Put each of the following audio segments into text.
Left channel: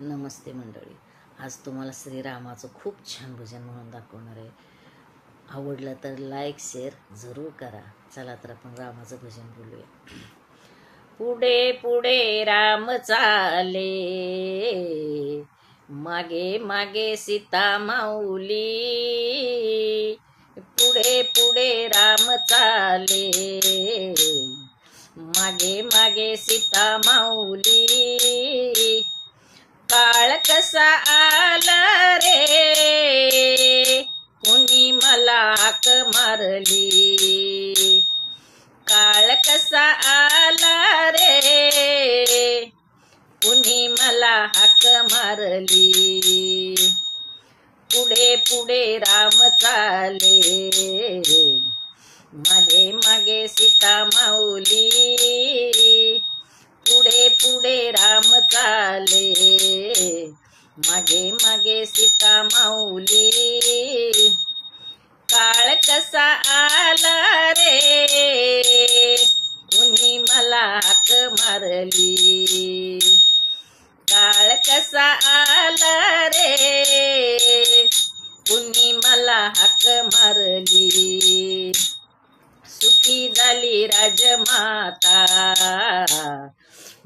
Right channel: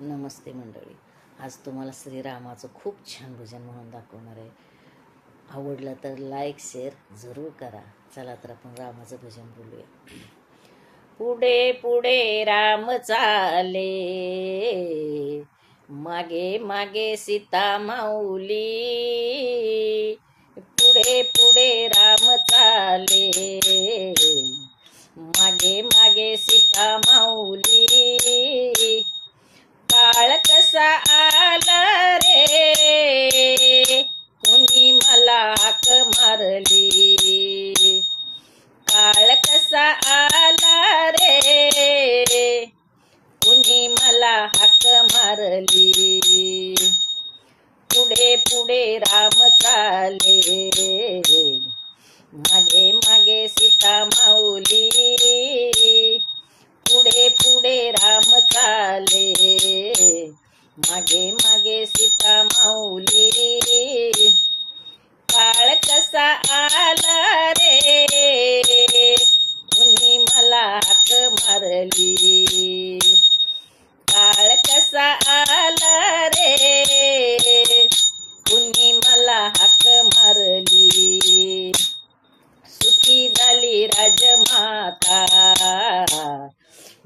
नमस्ते मंडळी. आज तुम्हाला श्रीरामाचं खूप छान भजन म्हणून दाखवणार आहे. आवडलं तर लाईक शेअर जरूर करा. चला तर आपण रामाचं भजन बोलूया. पुढे पुढे राम चाले, मागे मागे सीता माऊली. पुढे पुढे राम चाले, मागे मागे सीता माऊली. काळ कसा आला रे, कुणी मला हाक मारली. काळ कसा आला रे, कुणी मला हाक मारली. पुढे पुढे राम चाले, मागे मागे सीता माऊली. पुढे पुढे राम चाले, मागे मागे सीता माऊली. काळ कसा आला रे, कुणी मला हाक मारली. काळ कसा आला रे, कुणी मला हाक मारली. सुखी झाली राजमाता,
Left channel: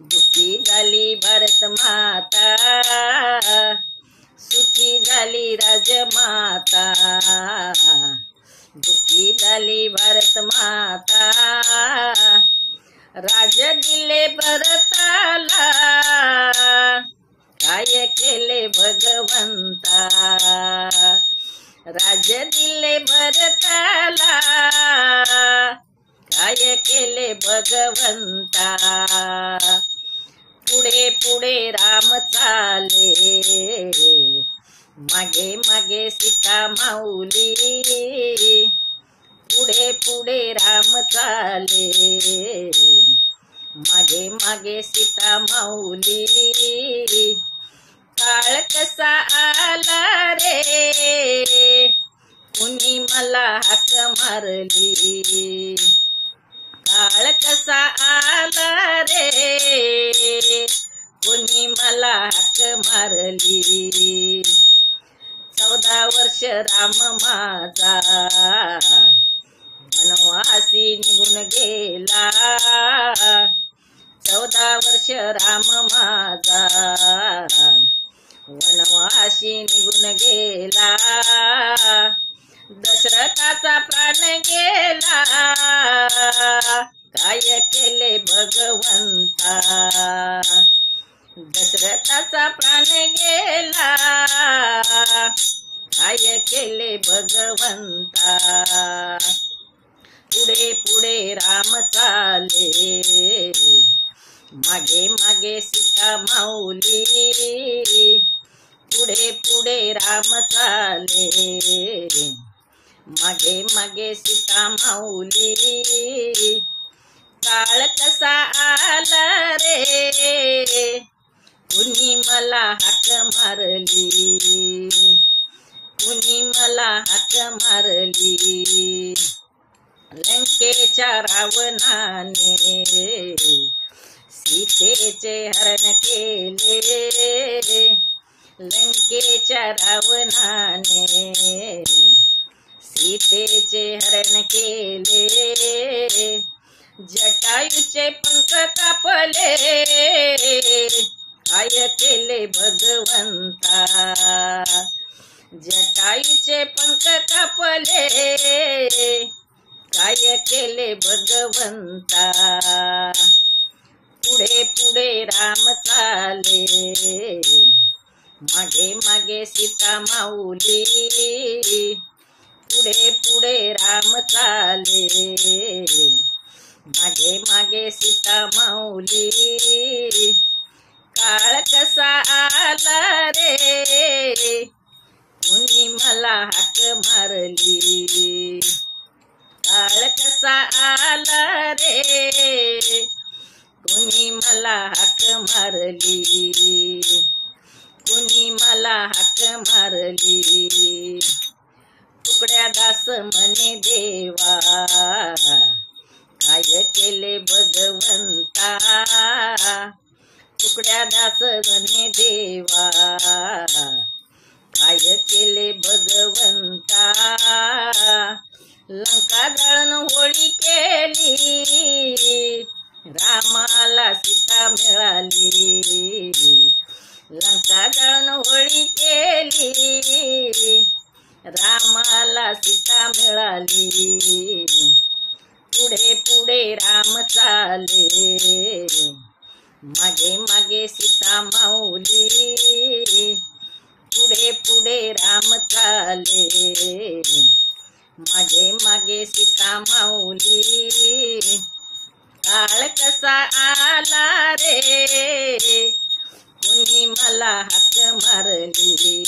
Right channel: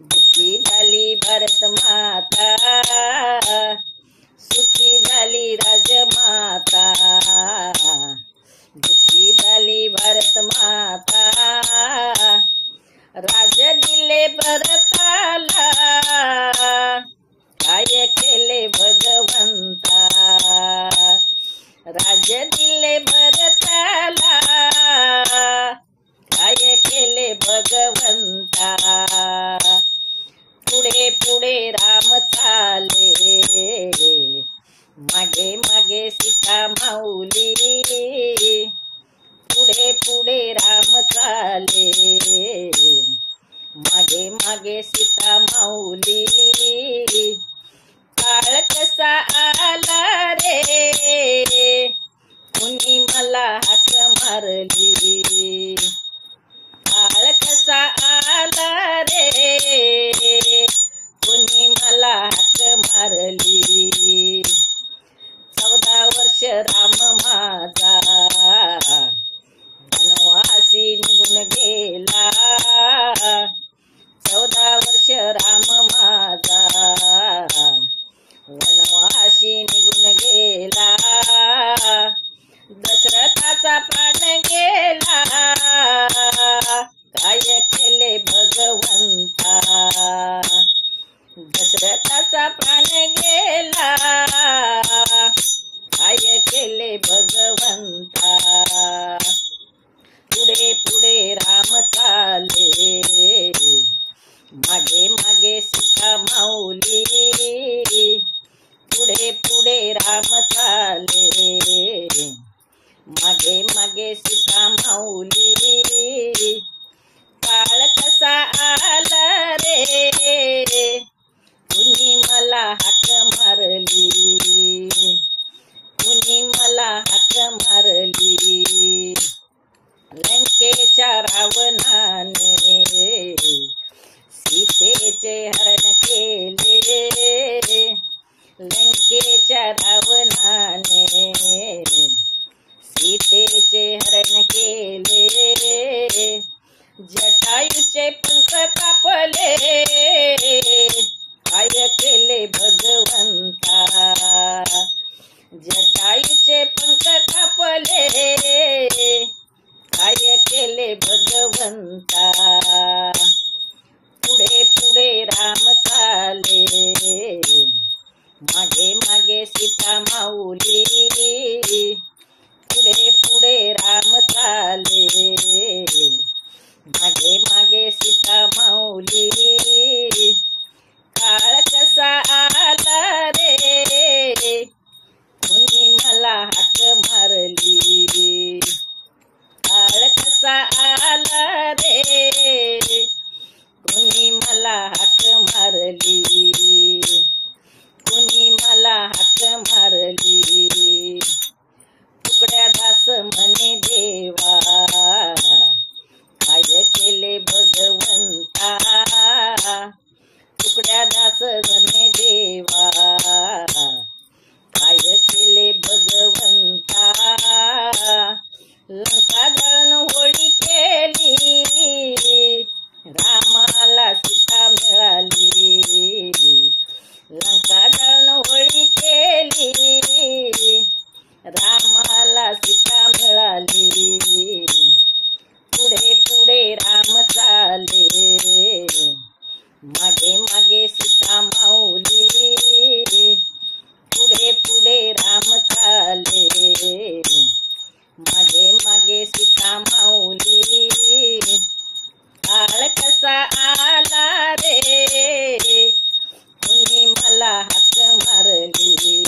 दुःखी झाली भारत माता. सुखी झाली राजमाता, दुःखी झाली भारत माता. राज दिले भरताला, काय केले भगवंता. राज दिले भरताला, काय केले भगवंता. पुढे पुढे राम चाले, मागे मागे सीता माऊली. पुढे पुढे राम चाले, मागे मागे सीता माऊली. काळ कसा आला रे, कुणी मला हाक मारली. काळ कसा आला रे, कुणी मला हाक मारली. 14 वर्ष राम माझा, वनवासी निघून गेला. 14 वर्ष राम माझा, वनवासी निघून गेला. दशरथाचा प्राण गेला, काय केले भगवंता. दशरथाचा प्राण गेला, काय केले भगवंता. पुढे पुढे राम चाले, मागे मागे सीता माऊली. पुढे पुढे राम चाले, मागे मागे सीता माऊली. काळ कसा आला रे, कुणी मला हाक मारली. कुणी मला हाक मारली. लंकेच्या रावणाने सीतेचे हरण केले. लंकेच्या रावणाने सीतेचे हरण केले. जटायूचे पंख कापले, काय केले भगवंता. जटायूचे पंख कापले, काय केले भगवंता. पुढे पुढे राम चाले, मागे मागे सीता माऊली. पुढे पुढे राम चाले, मागे मागे सीता माऊली. काळ कसा आला रे, कुणी मला हाक मारली. काळ कसा आला रे, कुणी मला हाक मारली. कुणी मला हाक मारली. तुकड्या दास म्हणे देवा, काय केले भगवंता. तुकड्या दास गणे देवा काय केले भगवंता लंका जळण होळी केली रामाला सीता मिळाली लंका जळण होळी केली रामाला सीता मिळाली पुढे पुढे राम चाले मागे मागे सीता माऊली पुढे पुढे राम चाले मागे मागे सीता माऊली काळ कसा आला रे कुणी मला हाक मारली